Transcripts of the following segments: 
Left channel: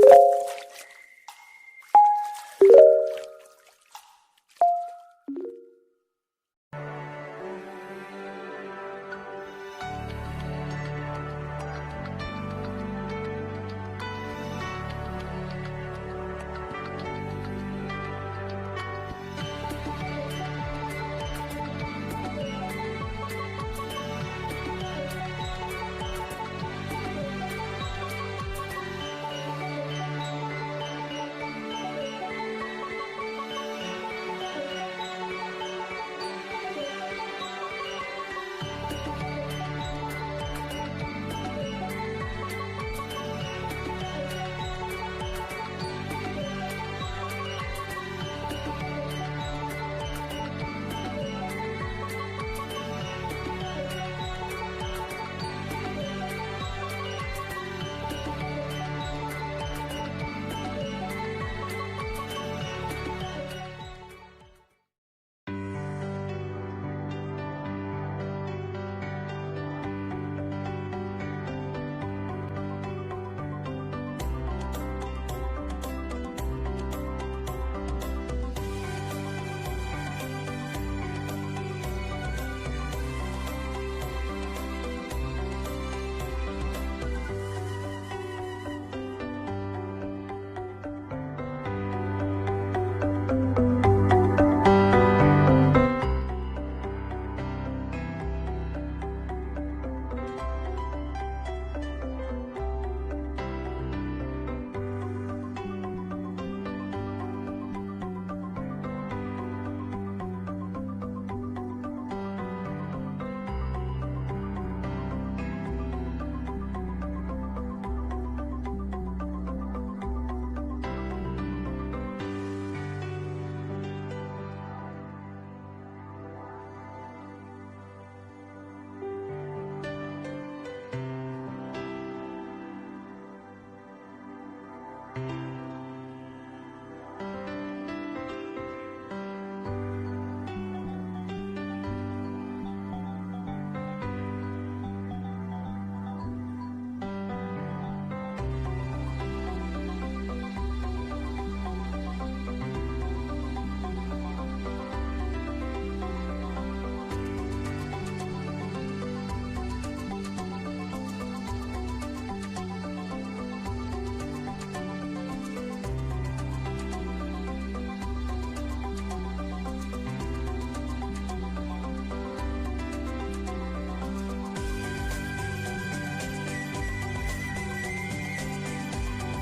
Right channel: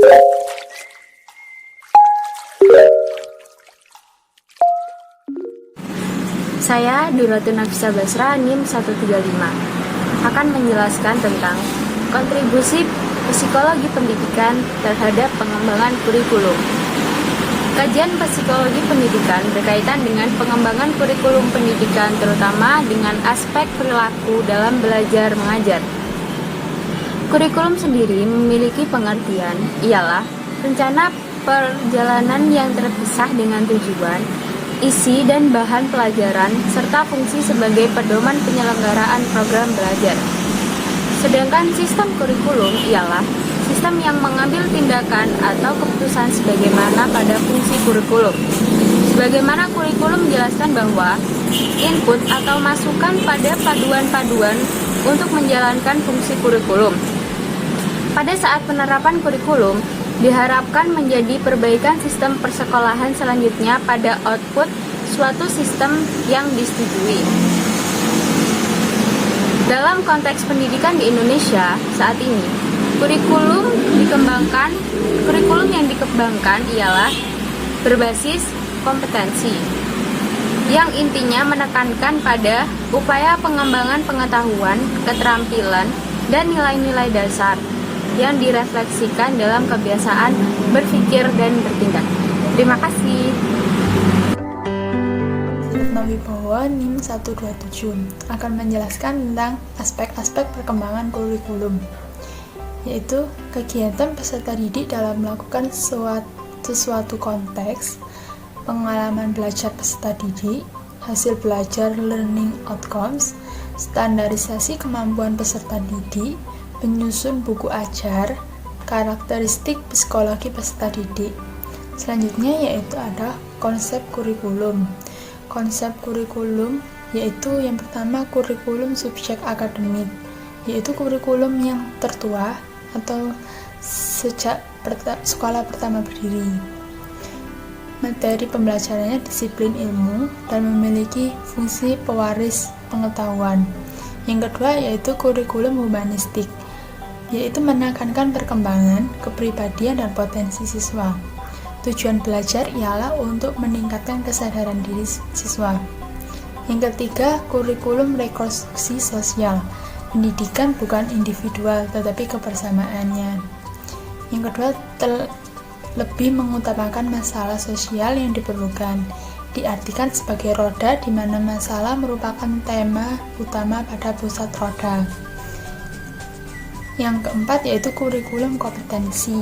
Saya Duratun Nafisa Basra, NIM 135, akan menjelaskan tentang kontribusi psikologi pendidikan terhadap pengembangan kurikulum. Kajian psikologi pendidikan berkaitan dengan pengembangan kurikulum pendidikan, terutama dengan aspek perilaku dalam belajar mengajar. Kurikulum sendiri memiliki pengertian, ialah rencana perjalanan yang terpisah dengan tujuan, isi dan bahan pelajaran, serta fungsi sebagai pedoman penyelenggaraan program belajar. Sedangkan sistem kurikulum ialah sistem yang mengambil tindakan atau keputusan sebagaimana pada fungsi kurikulum. Sebagaimana kurikulum menjelaskan bahwa input atau masukan pada paduan-paduan untuk menjalankan fungsi kurikulum. Pada saat penerapan kurikulum, diharapkan menjadi perbaikan sistem persekolahan selanjutnya pada output suatu sistem yang disetujui. Dalam konteks pendidikan di Indonesia saat ini, kurikulum yang dikembangkan ialah berbasis kompetensi, yang intinya menekankan pada upaya pengembangan pengetahuan, keterampilan, dan nilai-nilai dasar yang direfleksikan dalam kebiasaan berpikir dan bertindak. Terima kasih. Wibowo, NIM 127, akan menjelaskan tentang aspek-aspek perkembangan kurikulum, yaitu kegiatan peserta didik dalam melakukan sesuatu konteks, pengalaman belajar peserta didik, hasil belajar learning outcomes, standarisasi kemampuan peserta didik, penyusun buku ajar, karakteristik psikologi peserta didik. Selanjutnya yaitu ada konsep kurikulum. Konsep kurikulum yaitu yang pertama kurikulum subjek akademik, yaitu kurikulum yang tertua atau sejak sekolah pertama berdiri. Materi pembelajarannya disiplin ilmu dan memiliki fungsi pewaris pengetahuan. Yang kedua yaitu kurikulum humanistik, yaitu menekankan perkembangan, kepribadian, dan potensi siswa. Tujuan belajar ialah untuk meningkatkan kesadaran diri siswa. Yang ketiga, kurikulum rekonstruksi sosial. Pendidikan bukan individual, tetapi kebersamaannya. Yang kedua, lebih mengutamakan masalah sosial yang diperlukan. Diartikan sebagai roda di mana masalah merupakan tema utama pada pusat roda. Yang keempat yaitu kurikulum kompetensi,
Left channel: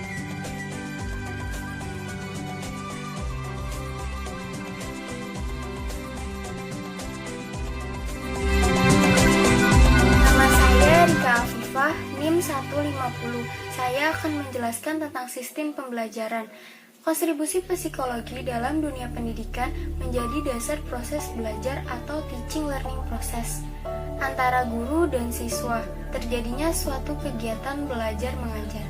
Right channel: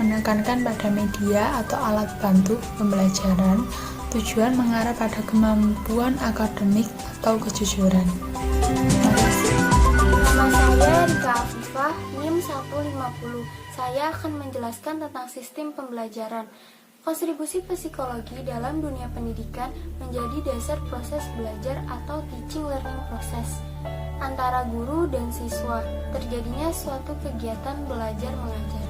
menekankan pada media atau alat bantu pembelajaran, tujuan mengarah pada kemampuan akademik atau kejujuran. Nama saya Rika Afifah, NIM 150. Saya akan menjelaskan tentang sistem pembelajaran. Kontribusi psikologi dalam dunia pendidikan menjadi dasar proses belajar atau teaching learning process antara guru dan siswa, terjadinya suatu kegiatan belajar mengajar.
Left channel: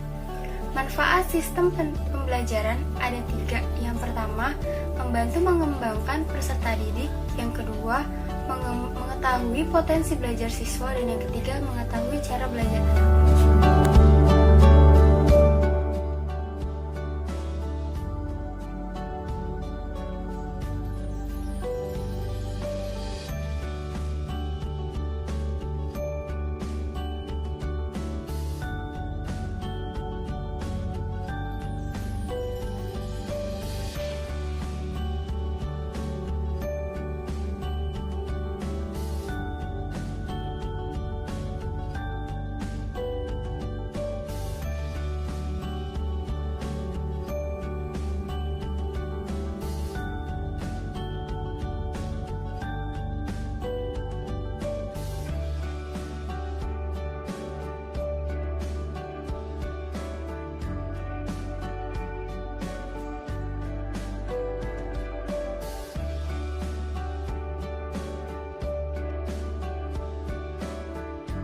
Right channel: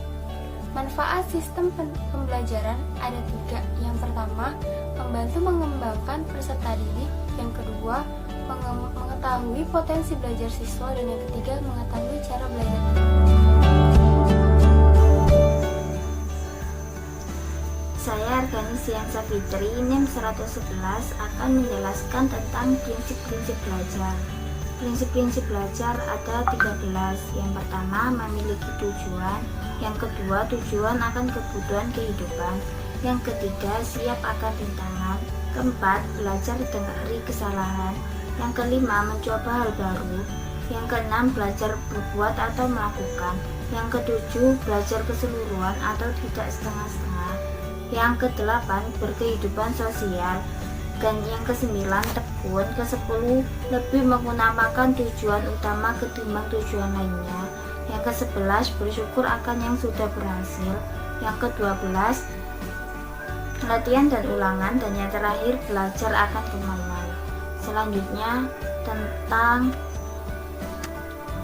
Manfaat sistem pembelajaran ada 3. Yang pertama, membantu mengembangkan peserta didik. Yang kedua, mengetahui potensi belajar siswa. Dan yang ketiga, mengetahui cara belajar. Saya Arganiansyah Fitri, NIM 111, akan menjelaskan tentang prinsip-prinsip belajar. Prinsip-prinsip belajar ada 13. Yang pertama, memiliki tujuan. Yang kedua, tujuan akan kebutuhan kehidupan. Yang ketiga, siap akan tantangan. Keempat, belajar di tengah kesalahan. Yang kelima, mencoba hal baru. Yang keenam, belajar berbuat atau melakukan. Yang ketujuh, belajar keseluruhan atau tidak setengah-setengah. Yang kedelapan, berkehidupan sosial. Dan yang kesembilan, tekun. Ke-10, lebih mengutamakan tujuan utama ketimbang tujuan lainnya. Yang ke-11, bersyukur akan yang sudah berhasil. Yang ke-12, latihan dan ulangan. Dan yang terakhir, belajar akan pengalaman. Selanjutnya tentang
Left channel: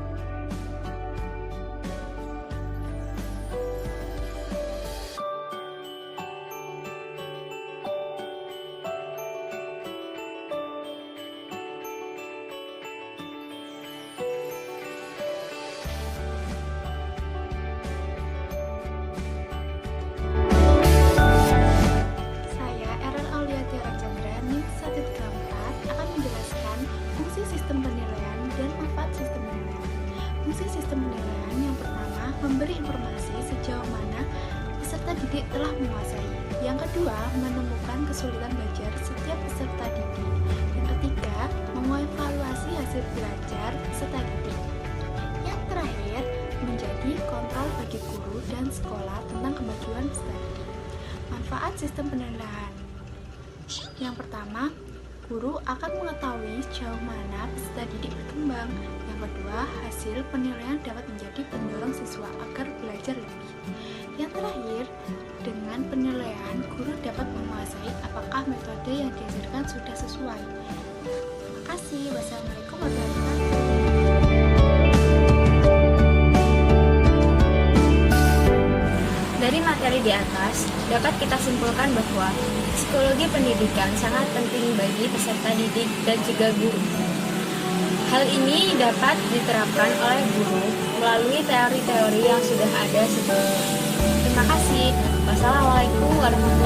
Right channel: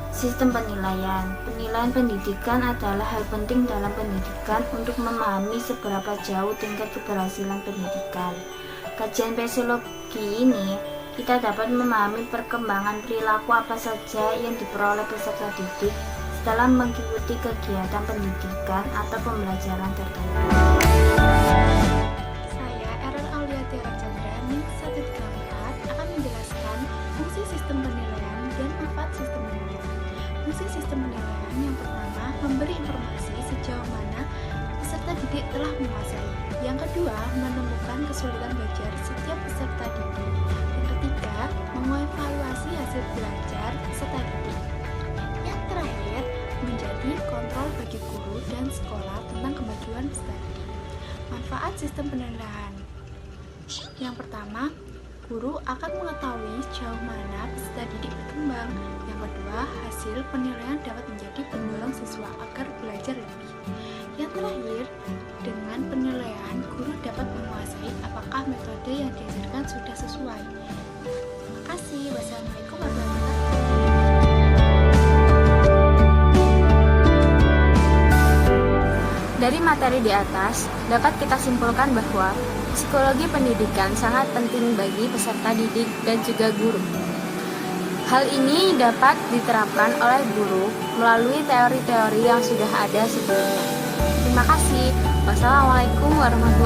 sistem penilaian. Penilaian pendidikan adalah hal penting dalam pendidikan untuk memahami seberapa jauh tingkat keberhasilan pendidikan. Kajian psikologi ini kita dapat memahami perkembangan perilaku apa saja yang diperoleh peserta didik dalam mengikuti kegiatan pendidikan atau pembelajaran informasi sejauh mana peserta didik telah menguasai. Yang kedua, menemukan kesulitan belajar setiap peserta didik. Yang ketiga, mengevaluasi hasil belajar peserta didik. Yang terakhir, menjadi kontrol bagi guru dan sekolah tentang kemajuan peserta didik. Manfaat sistem penilaian. Yang pertama, guru akan mengetahui sejauh mana peserta didik berkembang. Yang kedua, hasil penilaian dapat menjadi pendorong siswa agar belajar lebih. Yang terakhir, dengan penilaian, guru dapat menguasai apakah metode yang diajarkan sudah sesuai. Terima kasih. Wassalamualaikum warahmatullahi wabarakatuh. Dari materi di atas, dapat kita simpulkan bahwa psikologi pendidikan sangat penting bagi peserta didik dan juga guru. Hal ini dapat diterapkan oleh guru melalui teori-teori yang sudah ada sebelumnya. Terima kasih. Wassalamualaikum warahmatullahi wabarakatuh.